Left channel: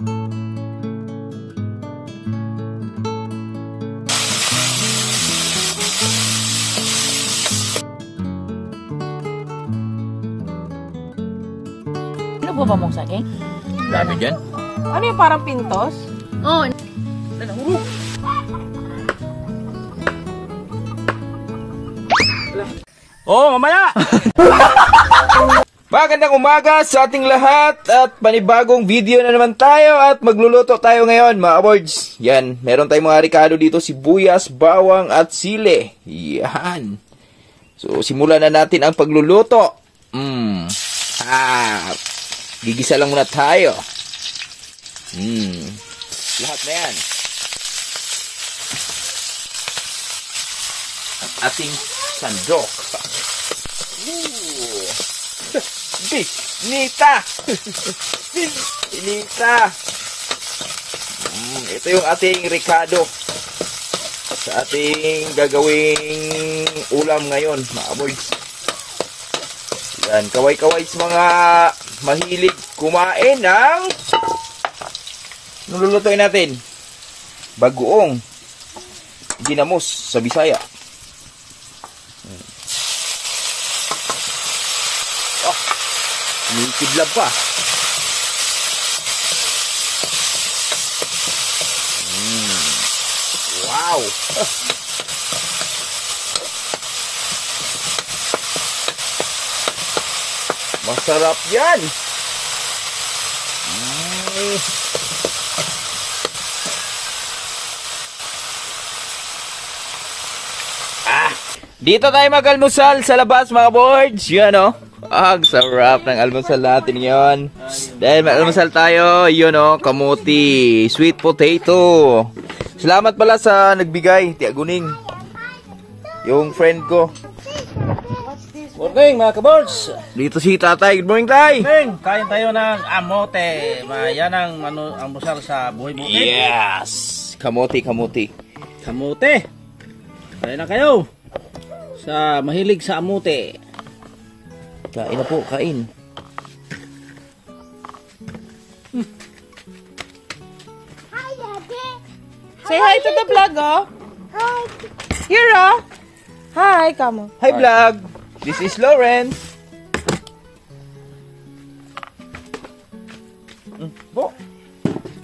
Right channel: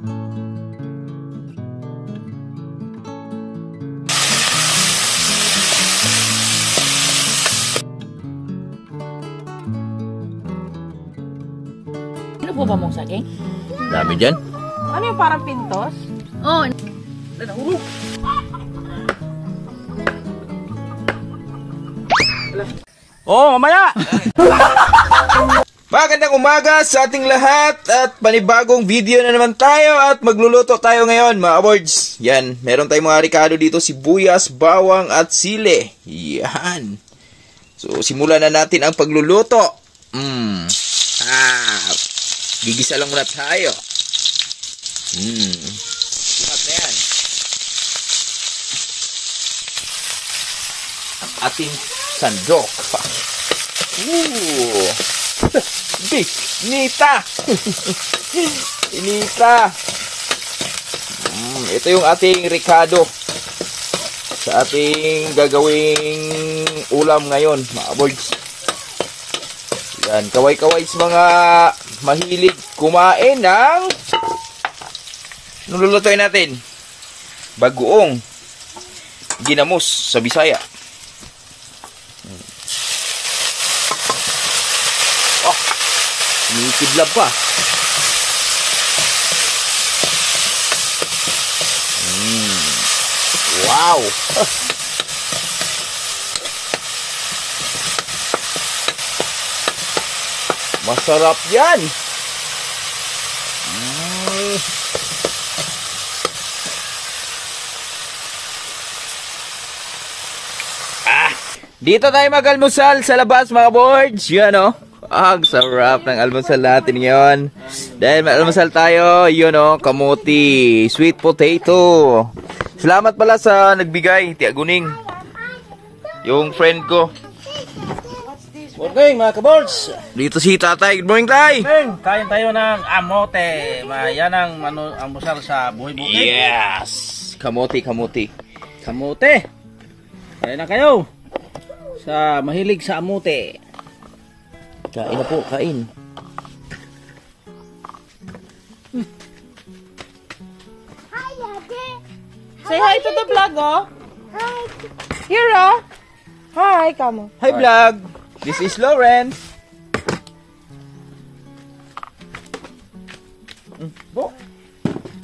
Ano po ba mong saging? Dami dyan. Ano yung parang pintos? Oh, Nanahurog. Oh, mamaya! Magandang umaga sa ating lahat at panibagong video na naman tayo at magluluto tayo ngayon mga boards. Yan, meron tayong mga ricado dito, sibuyas, bawang at sili. Yan. So, simulan na natin ang pagluluto. Gigisa lang muna tayo. Lahat na yan. Ang ating sandok. Nita! Nita! Ito yung ating ricado sa ating gagawing ulam ngayon, mga boys. Yan, kaway-kaway sa mga mahilig kumain ng nilulutuin natin. Bagoong ginamos sa Bisaya. Umiikidlab pa. Wow! Masarap yan! Dito tayo mag-almusal sa labas mga boards. Yan o. Ang sarap ng almusal natin ngayon. Dahil mag-almusal tayo, yun o, kamuti, sweet potato. Salamat pala sa nagbigay, Tia Guning. Yung friend ko. Morning mga kabords. Dito si Tatay. Good morning, Tay. Morning. Kain tayo ng amote. Yan ang almusal sa buhay bukid. Yes. Kamuti. Kamote. Kain na kayo. Sa mahilig sa amote. Kain na po, kain. Hi, Daddy. Say hi to the vlog, oh. Hi. Here, oh. Hi, kamo. Hi, vlog. This is Lawrence. Bo.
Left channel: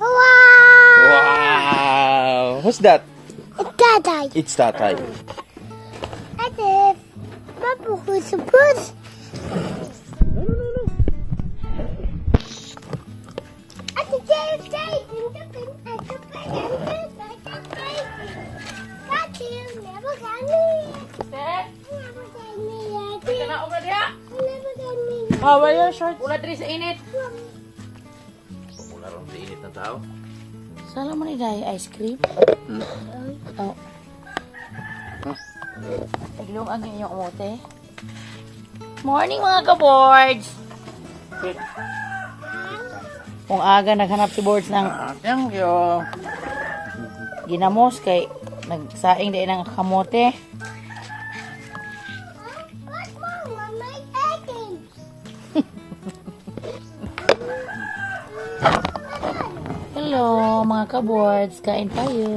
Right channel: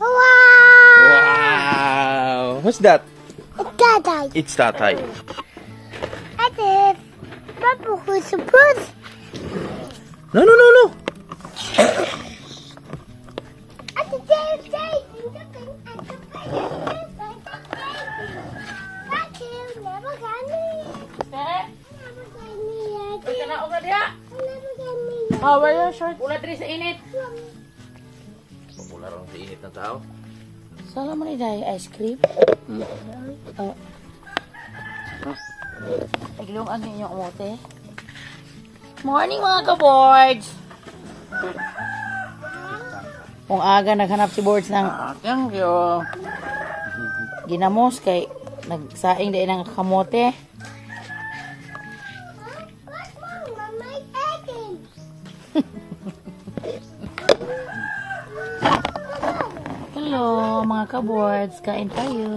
Wow. Wow. Who's that? Daddy. It's Tatay. Daddy. Papa, who's the first? No. How are you, short? Ulat rin sa init. Pumula rin sa init ng tao. sala mo ni dahil ice cream? Oh. Paglong ang inyong umote. Morning mga ka-boards! Kung aga naghanap si boards ng Thank you. ginamos kay nagsaing din ng kamote. Hello mga ka-boards, kain tayo.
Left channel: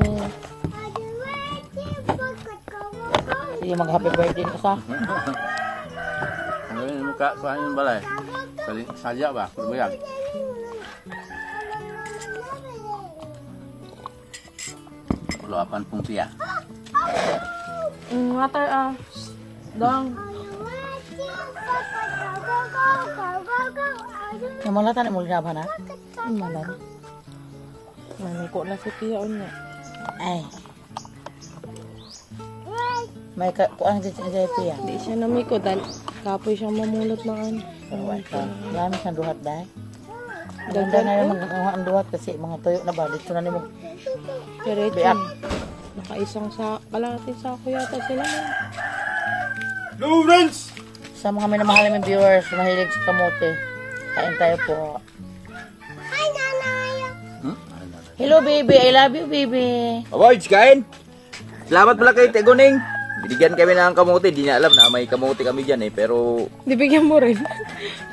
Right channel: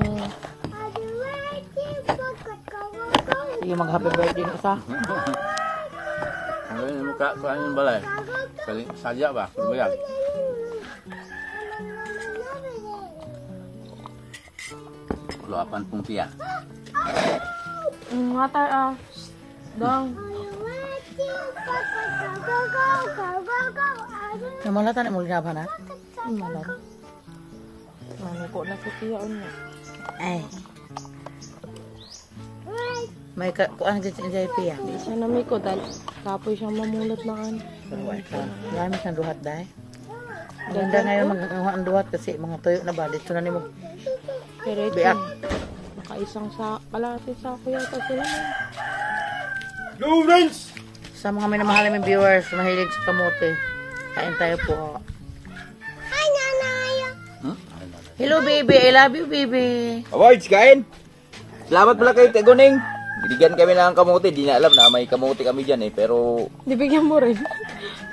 Sige mag-happy birthday na sa. Ano yung mukha ko yung balay? Sadya ba? Kurbayag. Luapan pong siya. Water dong. Namalata na mo ginabahan ha? Malar. Maniko na si Tia niya. Ay. May kuan gid sa JP ya. Di siya namiko dahil kapoy siya mamulot na kan. Marami siyang duhat dahil. Ganda ngayon mga ang duhat kasi mga tuyo na ba dito na nimo. Diretso. Nakaisang sa kalahati sako yata sila. Go, friends! Sa mga minamahal naming viewers, mahilig sa kamote. Kain tayo po. Hi, Nanay. Hello baby, I love you baby. Awards, kain! Salamat pala kay Tia Guning. Binigyan kami ng kamote. Di na alam na may kamote kami dyan eh. Pero Dibigyan mo rin.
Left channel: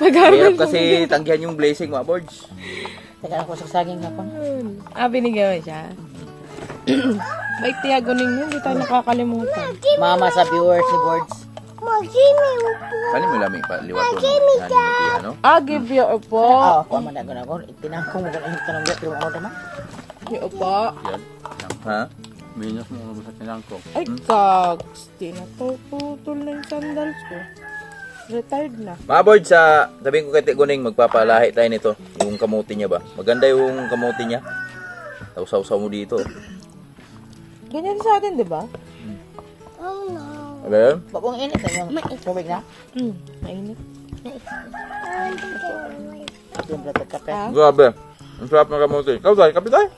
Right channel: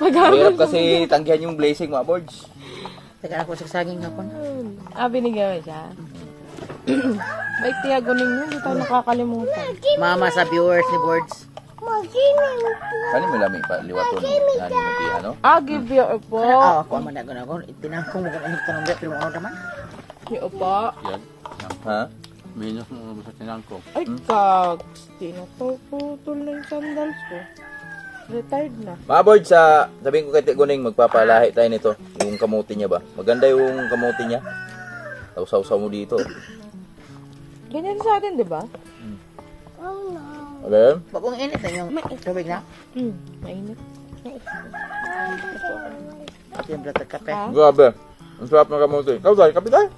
mahirap kasi tanggihan yung blessing mga boards. Teka ako sa saging hapon. Binigyan mo siya. May tiyago ninyo, hindi tayo nakakalimutan. Mama sa viewers ni Boards. Kani mo lami pa liwaton ngani mo tihan no? Give you a po. Ako man ako. Itinangkong mo kang tanong dito pero ano naman? Give you po. Yan. Ha? Minus mo sa tinangkong. Ay, kags. Tinatuputol na yung sandals ko. Retired na. Mga board, sabihin ko kay Tiguning, magpapalahi tayo nito. Yung kamuti niya ba? Maganda yung kamuti niya. Tausaw-saw mo dito. Ganyan sa atin, di ba? Okay? Bagong init yung tubig na. Mainit. At yung blatter kape. Grabe. Ang sarap ng kamuti. Ikaw tayo, kape tayo?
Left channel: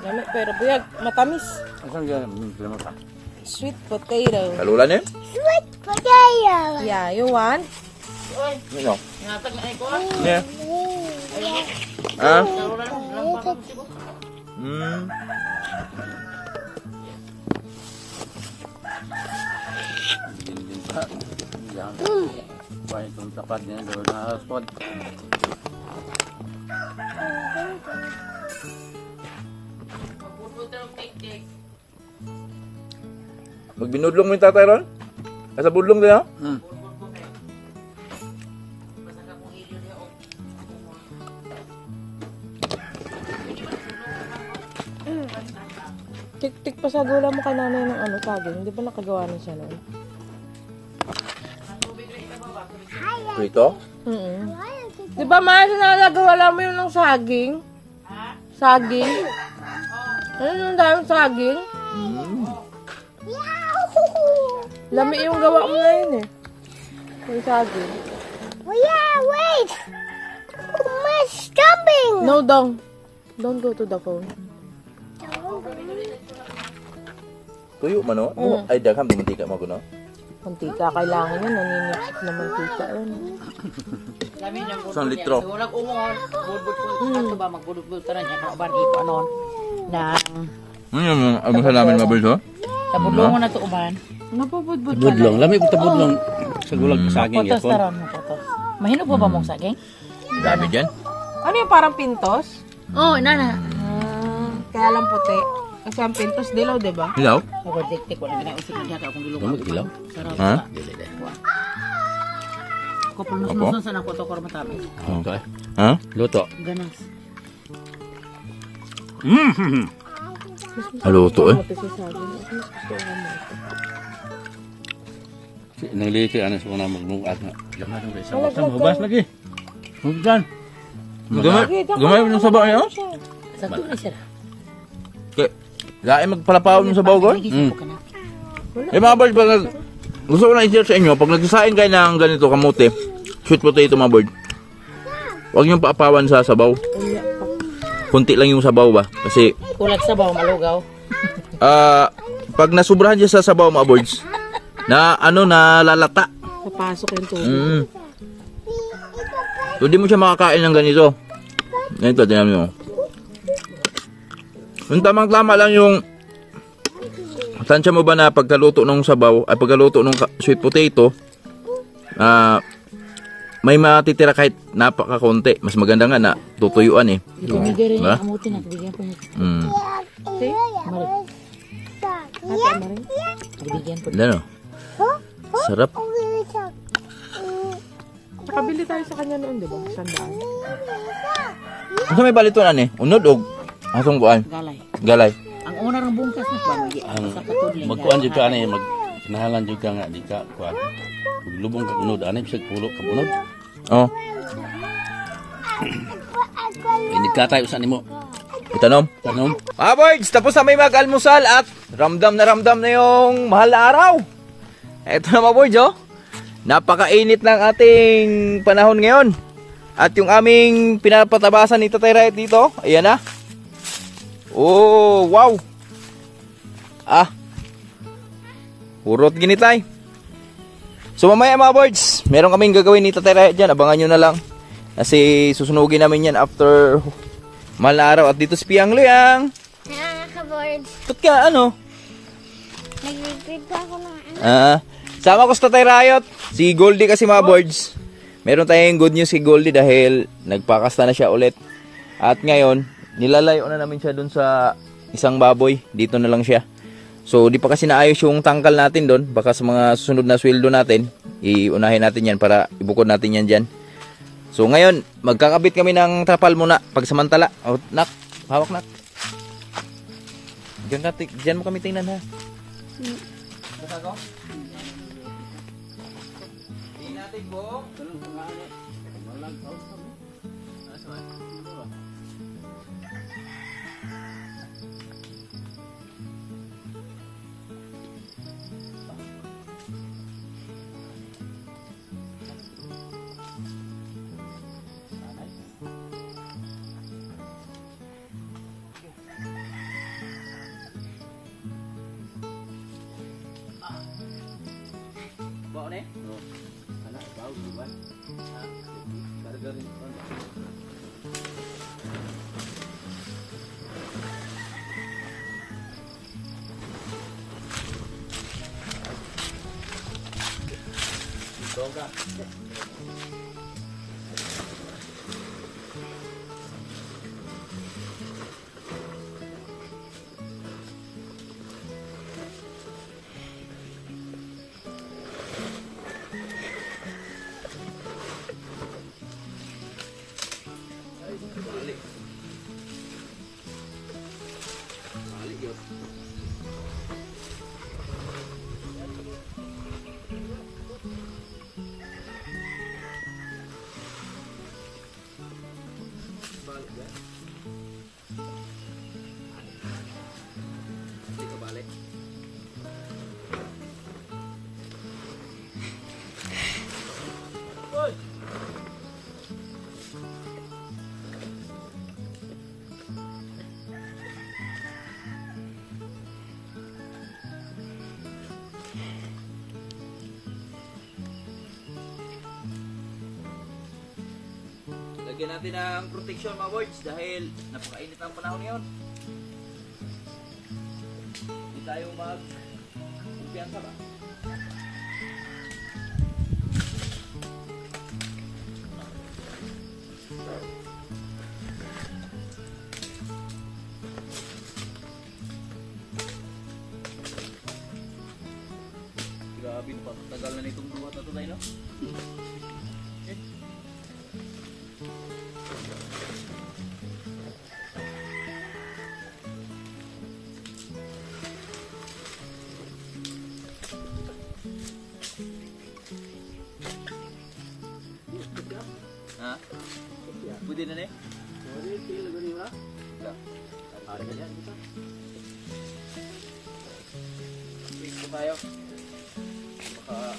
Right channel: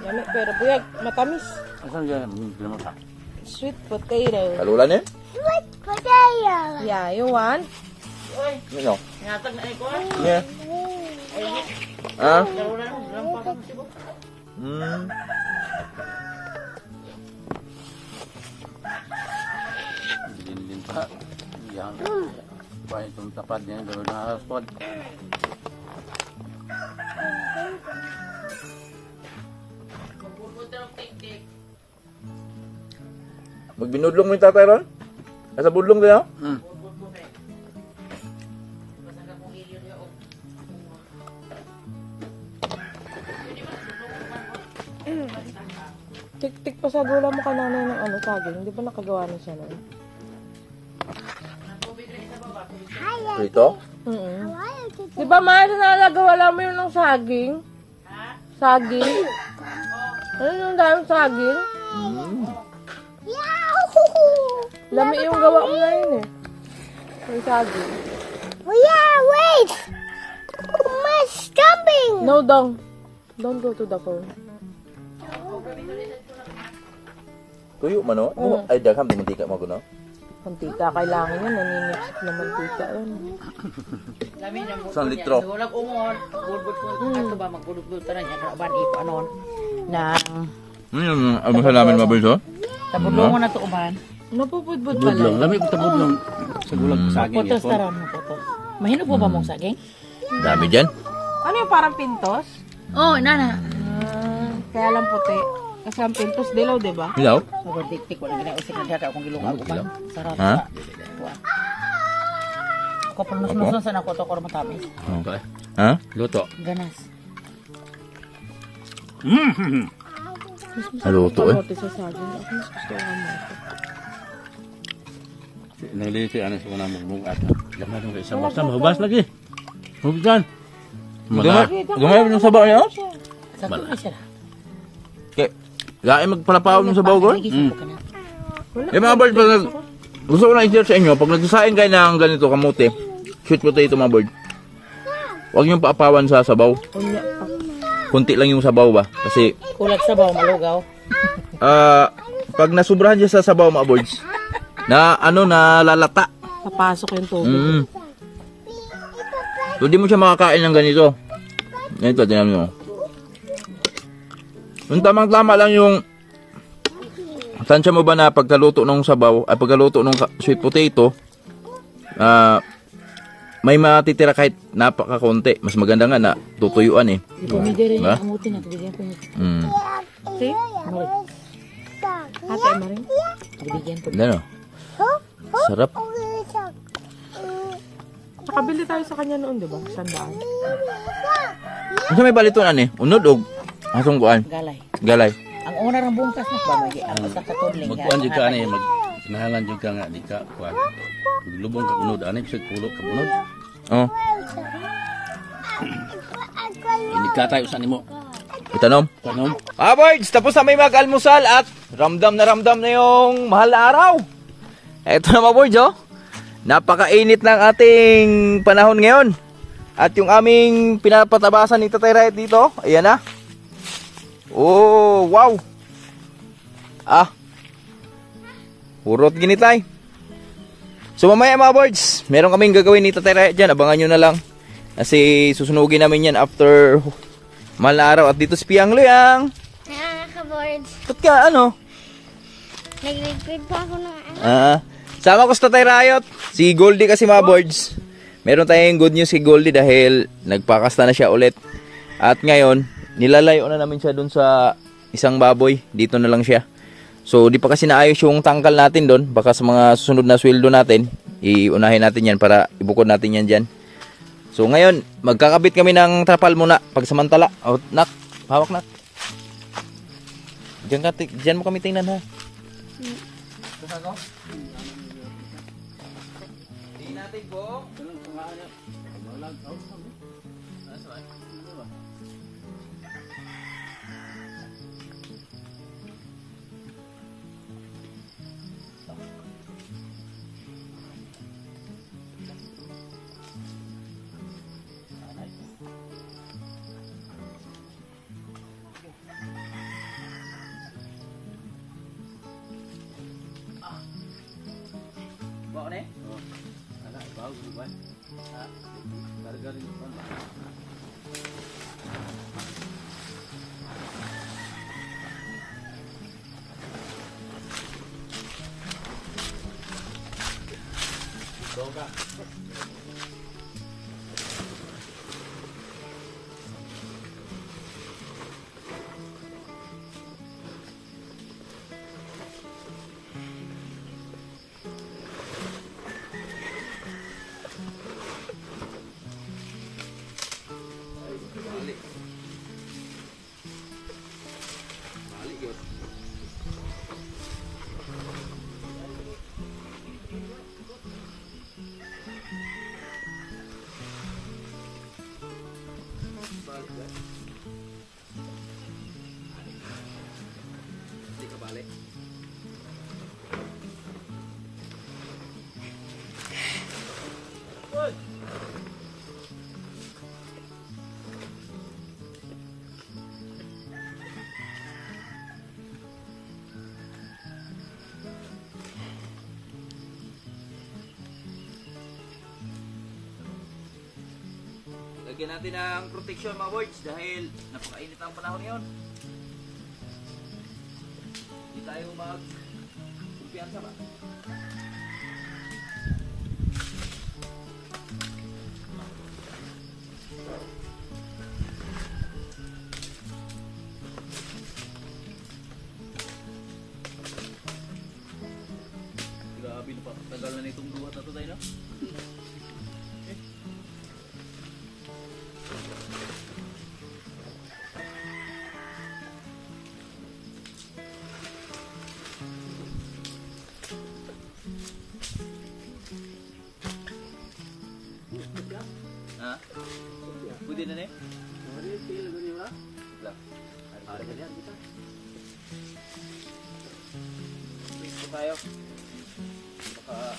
Yami, pero buyag, matamis. Asan ka? Bilmo ka. Sweet potato. Kalulan eh? Sweet potato. Yeah, you want? Yun o. Ngatag na iko. Yeah. Ha? Din pa. Yan. Bahay itong tapat niya. Gawin na haraspod. Magbinudlong mo yung tatay ron? Nasa budlong din ha? Tik-tik pa sa gula mo ka nanay ng ano, saging. Hindi ba nakagawa na siya noon? Prito? Di ba, Mars, nalagawa lang mo yun ng saging? Saging? Ano yung daming saging? Lami yung gawa mo na yun eh. Yung saging. Yeah, wait. My stumping. No, don't go to the phone. Tuyo man o? Ay, dagham, di mantika mo no? Mantika, kailangan yun. Naninix na mantika yun. Isang litro. Walang umor. Budbud po. Ato ba magbudbud tanan niya para ban ipo anon nang Ano sa namin mabulis o? tabudlong mo na to uban. Napupudbud ka Budlong. lang. Lami ko budlong. Sa gulag saging Potos yapon. taron mo potos. Mahino po ba mong saging? Dami dyan. Ano yung parang pintos? Oh, nana. Kaya lang puti. Kasi ang pintos dilaw, di ba? Hilaw? Ako dik-tik wala gina usik na siya kung gilungan ko. Sarap. Ha? Ako pang nasunusan sana ko to ko matamis. Okay. Ha? Luto. Ganas. Haluto eh. Puti sa saging. Mas gusto ko naman. Nangliti ano sa una magmugat na. Gamay ng isang masam. Hubas lagi. Hubdan. Gamay mo ng sabaw niya o? Sakto na siya. Okay. Gaya magpalapaw mo sa sabaw ko? Nagisa po ka na. Eh mga board, pag gusto ko na i-share sa inyo, pag nagsasain kayo ng ganito kamote, sweet potato mga board, huwag niyong paapawan sa sabaw. Kunti lang yung sabaw ba? Kasi, Kulag sa baw malugaw. pag nasubrahan siya sa sabaw mga boards, na lalata. Napasok yung tubig. So, di mo siya makakain ng ganito. Ganito, tingnan mo. Yung tamang-tama lang yung tansya mo ba na pagkaluto ng sabaw ay pagkaluto ng sweet potato may matitira kahit napakakonti. Mas maganda nga na tutuyuan eh. Hindi rin Diba? amutin na. Bigyan po niya. See? Marik. Hati mo rin. Bigyan po. Ano? Sarap. Nakabili tayo sa kanya noon, di ba? Sandaan. Ano may balituan eh? Unod o asong buwan? Galay. Galay. Ang una ng bungkas na ba? Sa katudling. Magkuan jud ka ani nahalan jud ka nga di ka kuan. Maglubong ka kunod ani bisag pulo ka bunod. Oh. Ini ka tayo sa nimo. Itanom. Tanom. Boys, tapos na may mag-almusal at ramdam na yung mahal na araw. Eto na mga boys, oh. Napakainit ng ating panahon ngayon. At yung aming pinapatabasan ni Tatay Riot dito, ayan na. Oh, wow. Urot ginitay. So mamaya mga boys, meron kaming gagawin ni Tatay Riot dyan. Abangan nyo na lang. Kasi susunugin namin yan after mahal na araw. At dito si Piang Luyang. Nakaka-board. Ba't ka ano? Nag-read pa ako ng Sama ko sa Tatay Riot. Si Goldie kasi mga boards. Meron tayong good news si Goldie dahil nagpakasta na siya ulit. At ngayon, nilalayo na namin siya dun sa isang baboy. Dito na lang siya. So, di pa kasi naayos yung tangkal natin doon. Baka sa mga susunod na sweldo natin, iunahin natin yan para ibukod natin yan dyan. So, ngayon, magkakabit kami ng trapal muna. Pagsamantala. Oh, nak, hawak nak. Diyan mo kami tingnan ha. Tingnan natin po. Bawa nih. Anak bau buat. Burger ini. Doga. Nanti kebalik. Lagyan natin ng protection mga boys dahil napakainit ang panahon ngayon. Hindi tayo mag-kumpiyansa ba? Grabe, napakatagal na itong duhat na ito tayo, no? Pwede na nih? Pwede, pili ko rin ba? Wala. Ada ka dyan, kita. Wait po tayo. Baka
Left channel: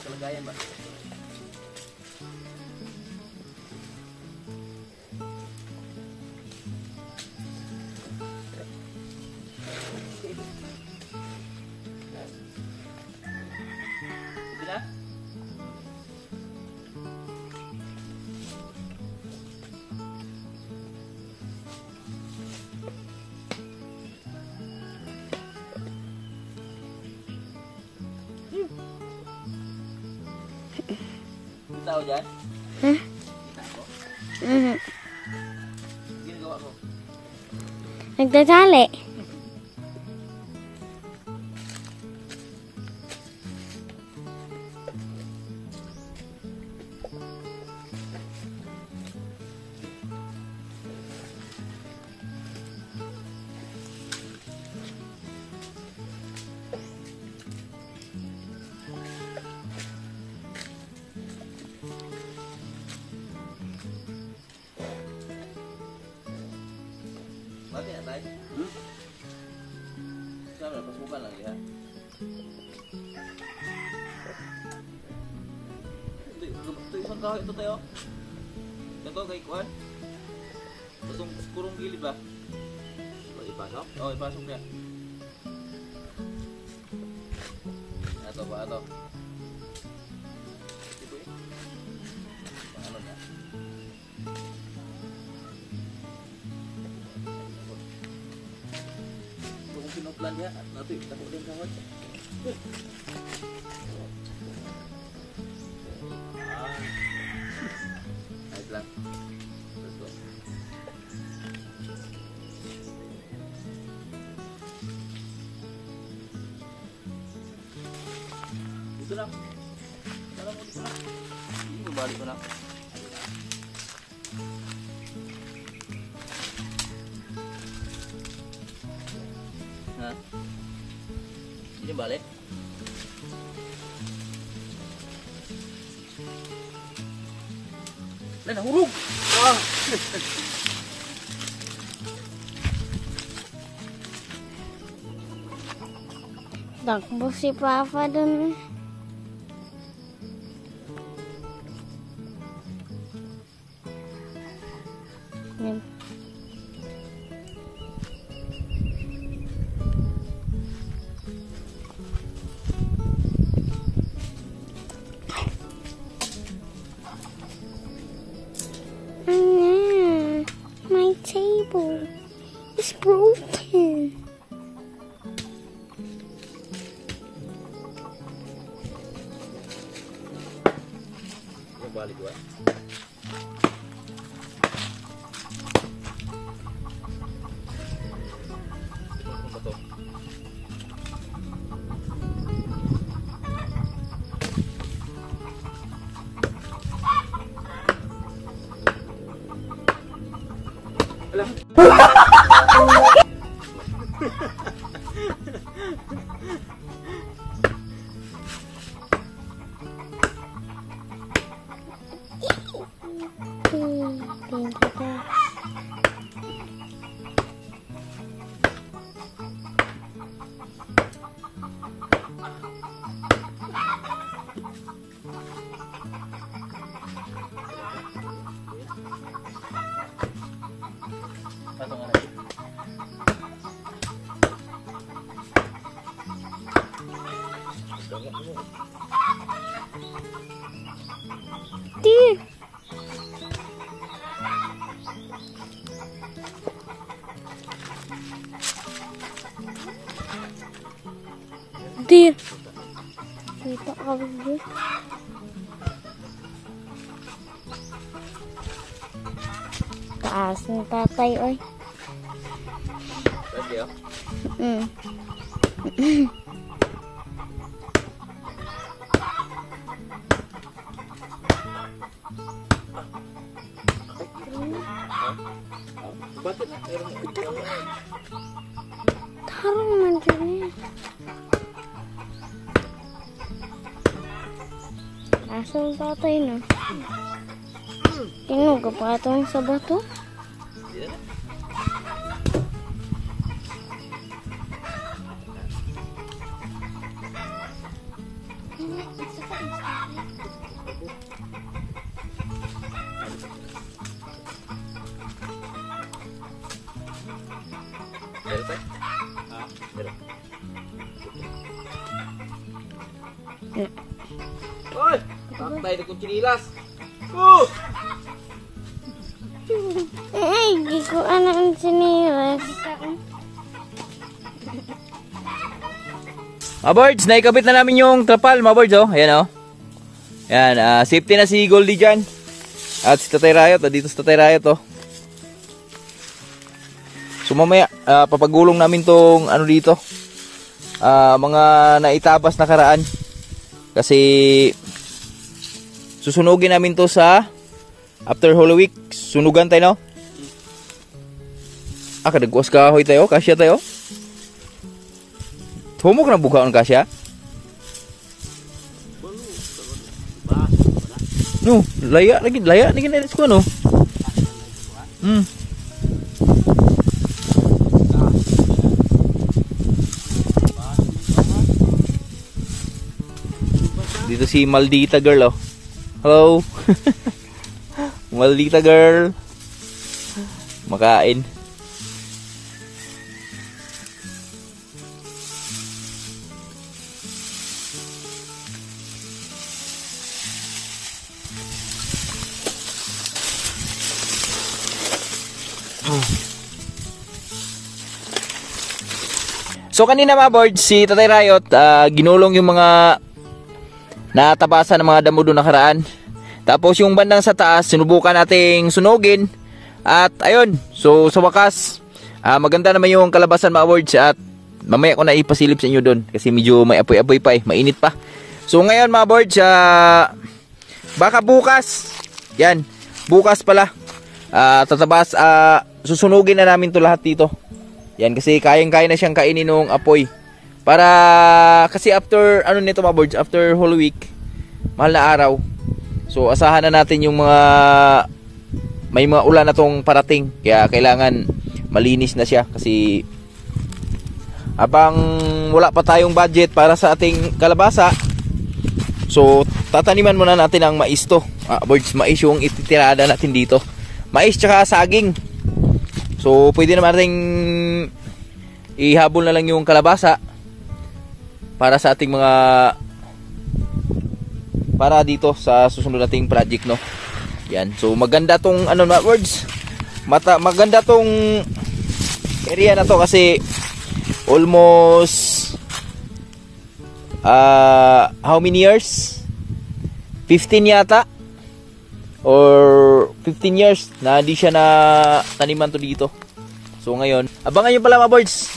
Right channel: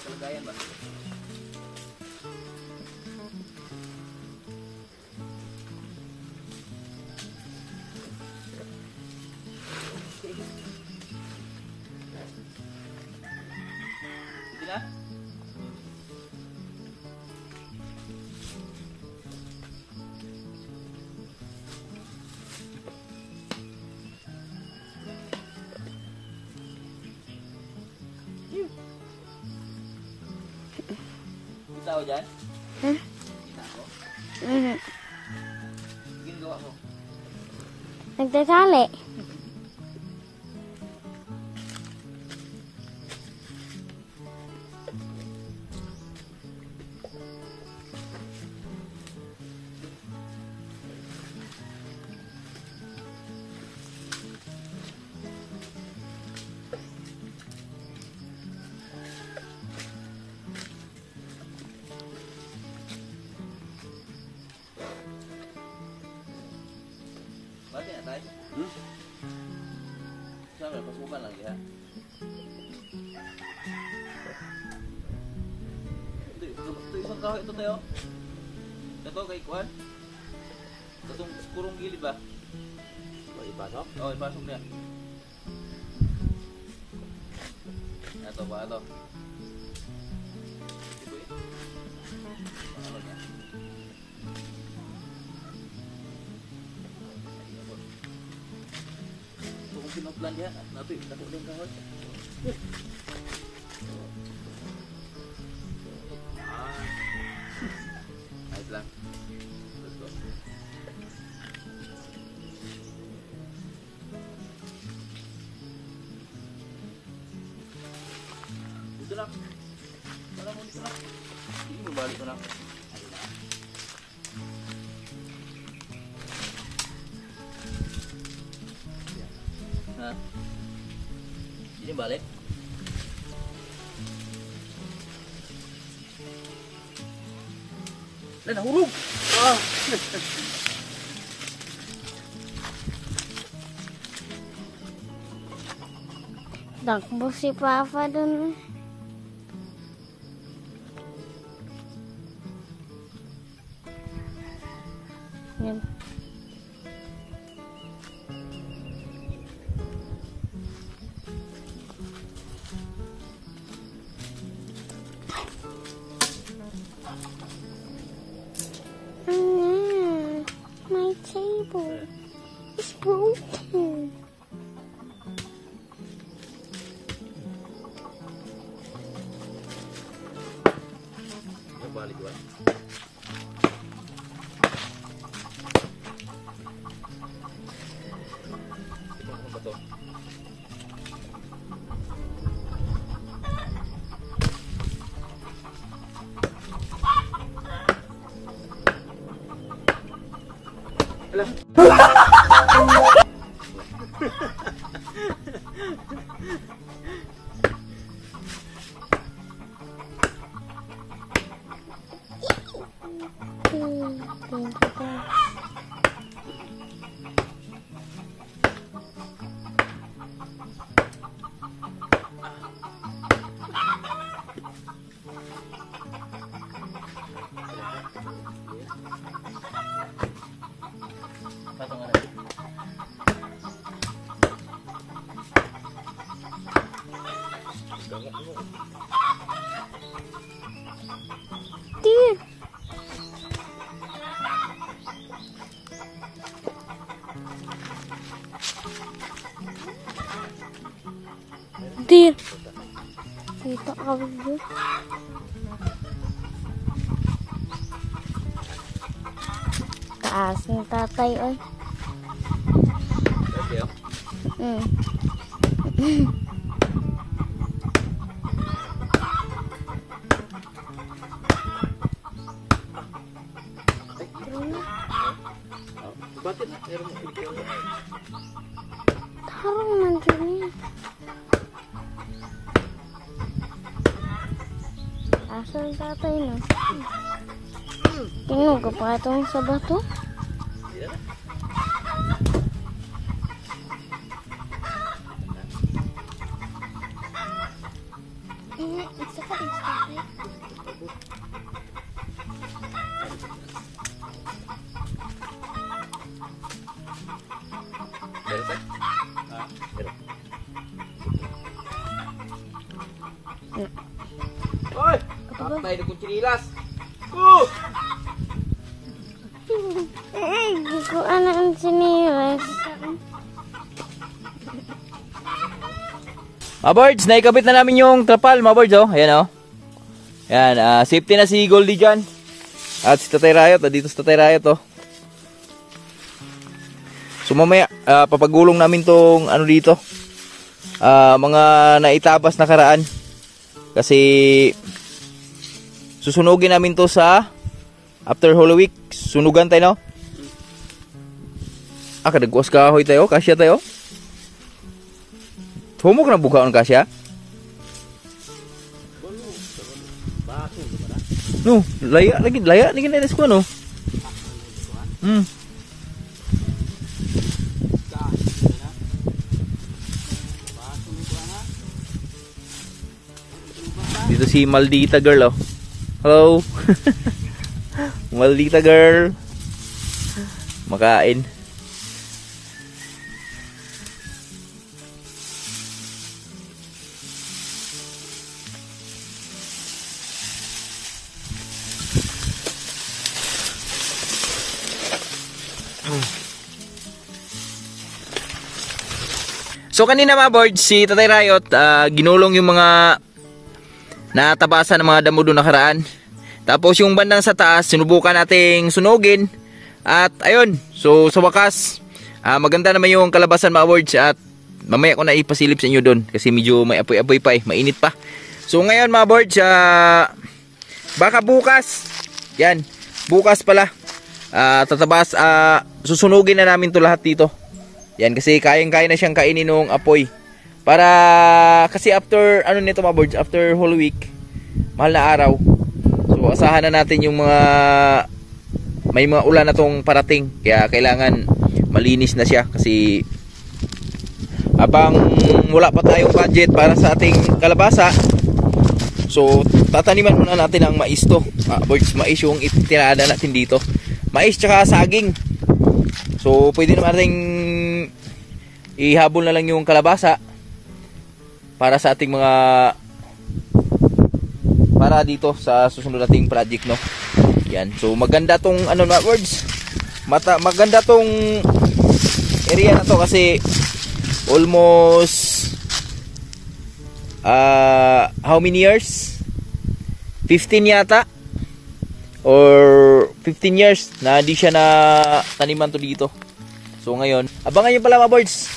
kalagayan ba? Pwede na? Kita ako dyan? Kita ako? Ginagawa ko? Nagtatali. Mati na tayo? Saan, pasukan lang liha. Hindi, ito isang kahoy ito tayo. Ito kay Kuan. Itong kurong gilid ba? Ipasok? Oo, ipasok niya. Ito ba, ito. Ito eh. Ano niya? Kung pinuplan dia, nabi, dako din kahoy. Ayos lang. Balik ko na. Ha? Ini balik. Lah nahurug. Ah. Takbo si Papa dun. Yan. My table is broken. Balik gua. Apa tuh? Dear. Dear. Kita kawin dia. Taas ng tatay ay. Tadi ya. Tarong man dyan. Asan tatay na? Tinuga pa itong sa bato? Dari teh? Dari. Oi, tatay na kung chinilas. Di ko anak ang sinilas. Mga birds, naikabit na namin yung trapal, mga birds, oh. Ayan, oh. Ayan, safety na si Goldie dyan. At si Tatay Rayot, dito si Tatay Rayot, oh. So mamaya, papagulong namin tong ano dito. Mga naitabas na karaan. Kasi susunugin namin to sa after Holy Week. Sunugan tayo, no? Kadagwas kahoy tayo, kasya tayo. Humok na bukaon kasya. No, laya lagi na ko, no? Dito si Maldita girl, oh. Hello. Maldita girl. Makain. So kanina mga board, si Tatay Rayot, ginulong yung mga natabasan ng mga damo doon nakaraan. Tapos yung bandang sa taas, sinubukan nating sunugin. At ayun, so sa wakas, maganda naman yung kalabasan mga boards. At mamaya ko na ipasilip sa inyo doon. Kasi medyo may apoy-apoy pa eh, mainit pa. So ngayon mga boards, baka bukas, yan, bukas pala, tatabas, susunugin na namin to lahat dito. Yan, kasi kayang-kaya na siyang kainin ng apoy. Para, kasi after, ano nito mga boards, after whole week, mahal na araw. So asahan na natin yung may mga ulan na tong parating. Kaya kailangan malinis na siya kasi habang wala pa tayong budget para sa ating kalabasa, so tataniman muna natin ang mais to. Boards, mais yung itinada natin dito. Mais tsaka saging. So pwede naman natin ihabol na lang yung kalabasa para sa ating mga para dito sa susunod nating project, no. Yan. So maganda tong ano na words. Maganda tong area na to kasi almost how many years? 15 yata or 15 years na di siya na taniman to dito. So ngayon, abangan nyo pala mga boards,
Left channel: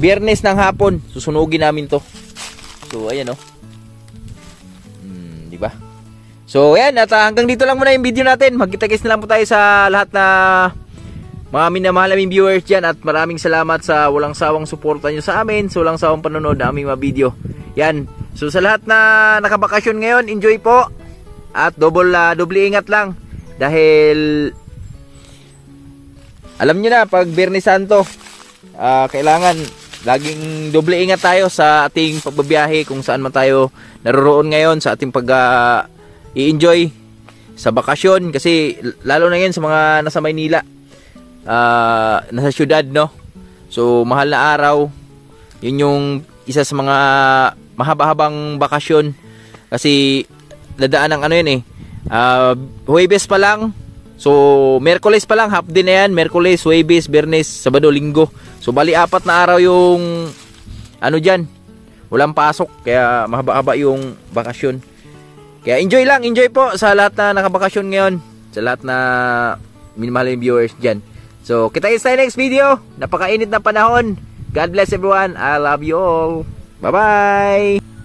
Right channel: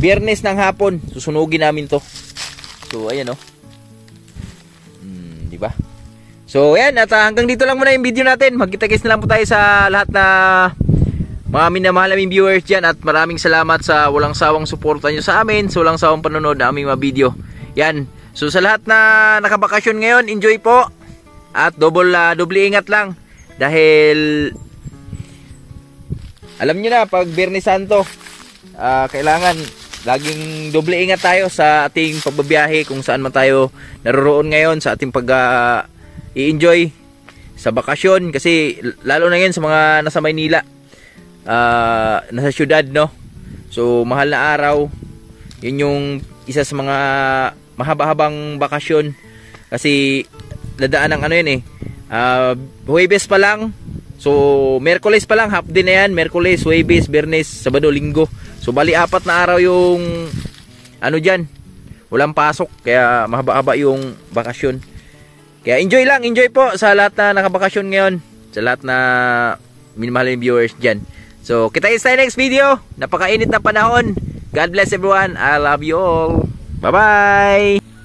Biyernes ng hapon susunugin namin to. So ayan, oh. Di ba? So ayan, at hanggang dito lang muna yung video natin. Magkita-kits na lang po tayo sa lahat na mga minamahal naming viewers dyan. At maraming salamat sa walang sawang suporta nyo sa amin, sa walang sawang panonood na aming mga video. Yan. So sa lahat na nakabakasyon ngayon, enjoy po. At doble ingat lang. Dahil alam nyo na, pag Biyernes Santo, kailangan laging doble ingat tayo sa ating pagbabiyahe kung saan man tayo naroroon ngayon sa ating i-enjoy sa bakasyon. Kasi lalo na yun sa mga nasa Maynila, nasa syudad, no. So mahal na araw, yun yung isa sa mga mahaba-habang bakasyon kasi dadaan ng ano yun Huwebes pa lang, so Merkules pa lang, half day na yan. Merkules, Huwebes, Biyernes, Sabado, Linggo. So bali 4 na araw yung ano dyan, walang pasok, kaya mahaba-haba yung bakasyon. Kaya enjoy po sa lahat na nakabakasyon ngayon, sa lahat na minamahal yung viewers dyan. So kita-kits tayo next video. Napakainit na panahon. God bless everyone. I love you all. Bye bye.